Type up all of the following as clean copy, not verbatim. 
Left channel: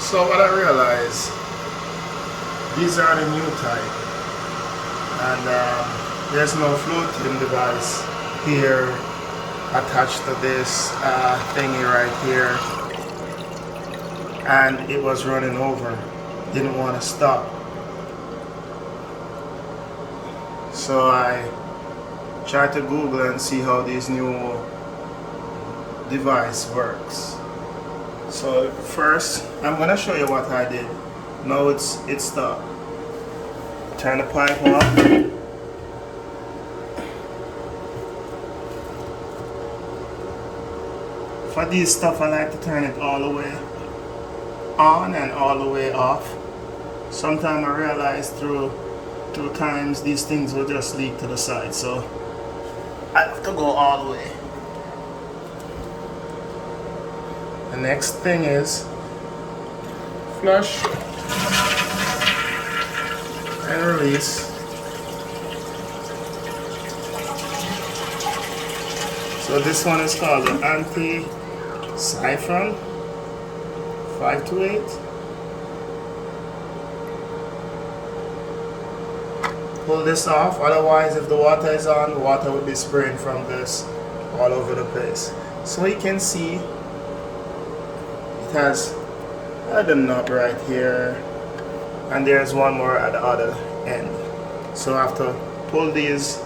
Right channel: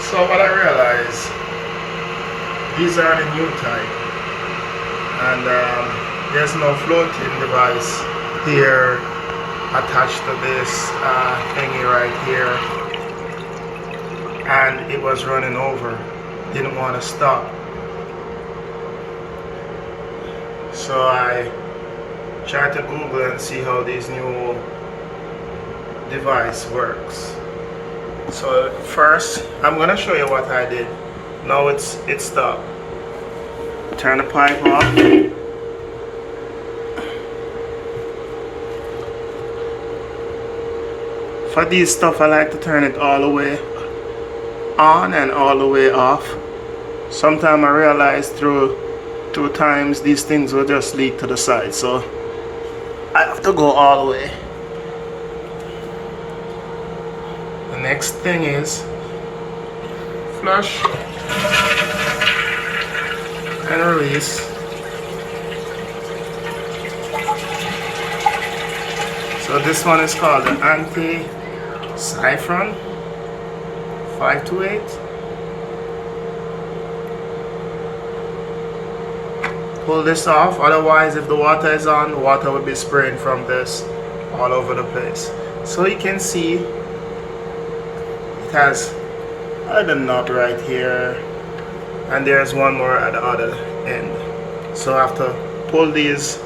So what I realized, these are the new type, and there's no floating device here attached to this thingy right here, and it was running over, didn't want to stop. So I tried to Google and see how this new device works. So first I'm gonna show you what I did. Now it's stopped. Turn the pipe off. For these stuff I like to turn it all the way on and all the way off. Sometimes I realize through times these things will just leak to the side, so I have to go all the way. The next thing is flush and release. So this one is called the Anti Siphon 528. Pull this off, otherwise if the water is on, the water will be spraying from this all over the place. So you can see it has a knot right here, and there's one more at the other end. So I have to pull these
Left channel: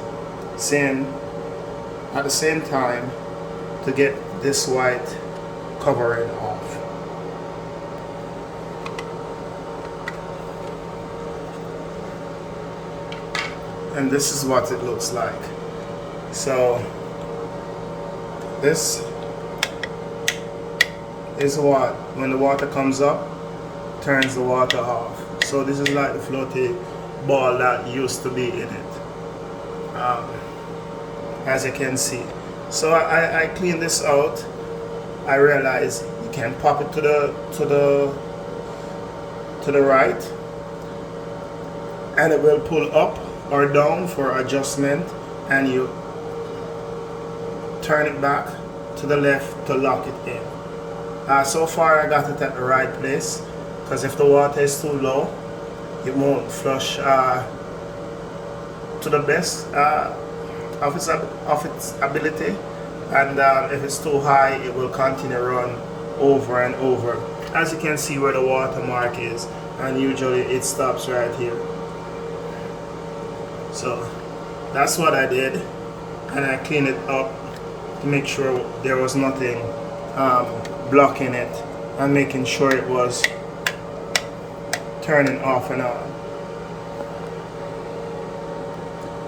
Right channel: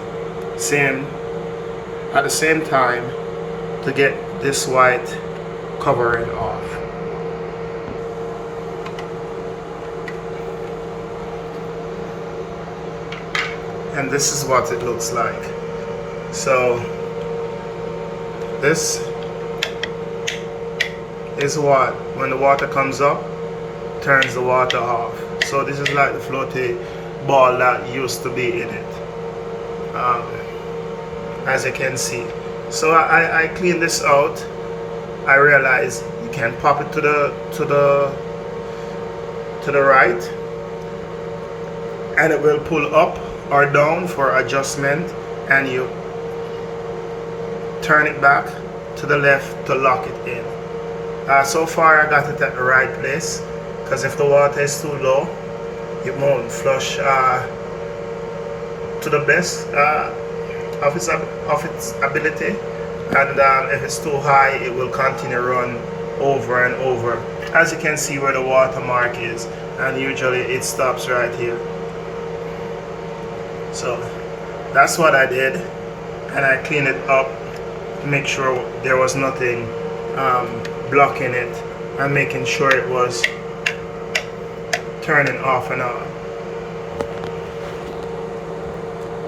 at the same time to get this white covering off. And this is what it looks like. So this is what, when the water comes up, turns the water off. So this is like the floaty ball that used to be in it, as you can see. So I clean this out. I realize you can pop it to the right, and it will pull up or down for adjustment, and you turn it back to the left to lock it in. So far I got it at the right place, because if the water is too low, it won't flush to the best of its ability, and if it's too high, it will continue to run over and over, as you can see where the water mark is, and usually it stops right here. So that's what I did, and I cleaned it up to make sure there was nothing blocking it, and making sure it was turning off and on.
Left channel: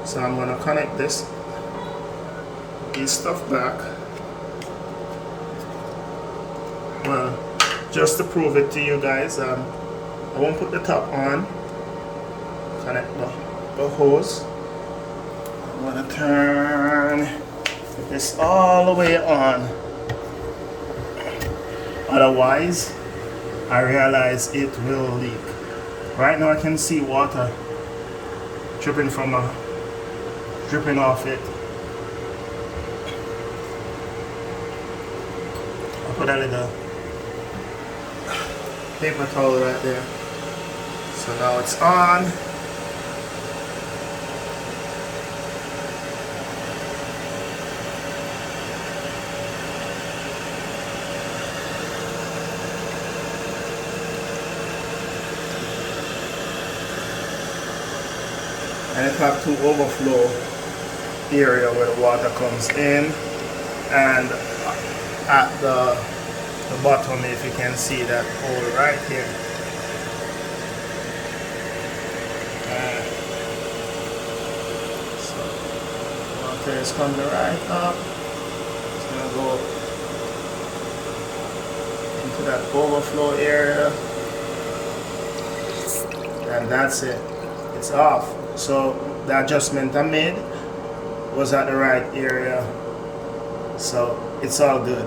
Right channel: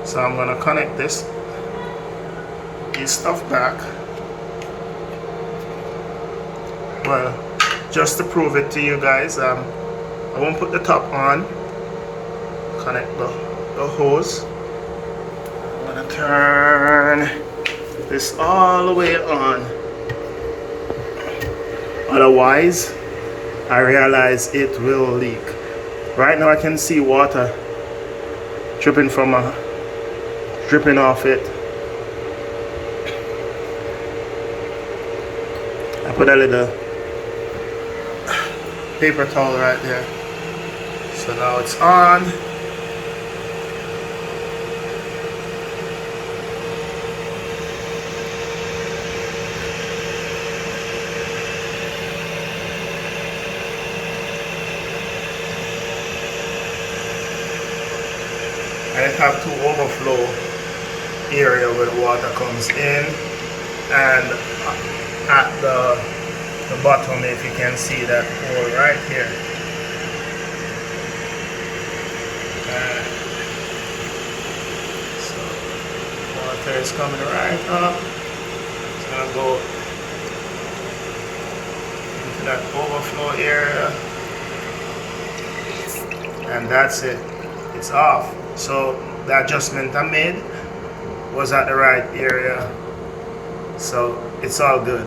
So I'm gonna connect this stuff back. Well, just to prove it to you guys, I won't put the top on. Connect the hose. I'm gonna turn this all the way on. Otherwise, I realize it will leak. Right now I can see water dripping off it. I put a little paper towel right there. So now it's on. And it have to overflow area where the water comes in, and at the bottom, if you can see that hole right here. So water is coming right up. It's gonna go into that overflow area, and that's it. It's off. So the adjustment I made was at the right area, so it's all good.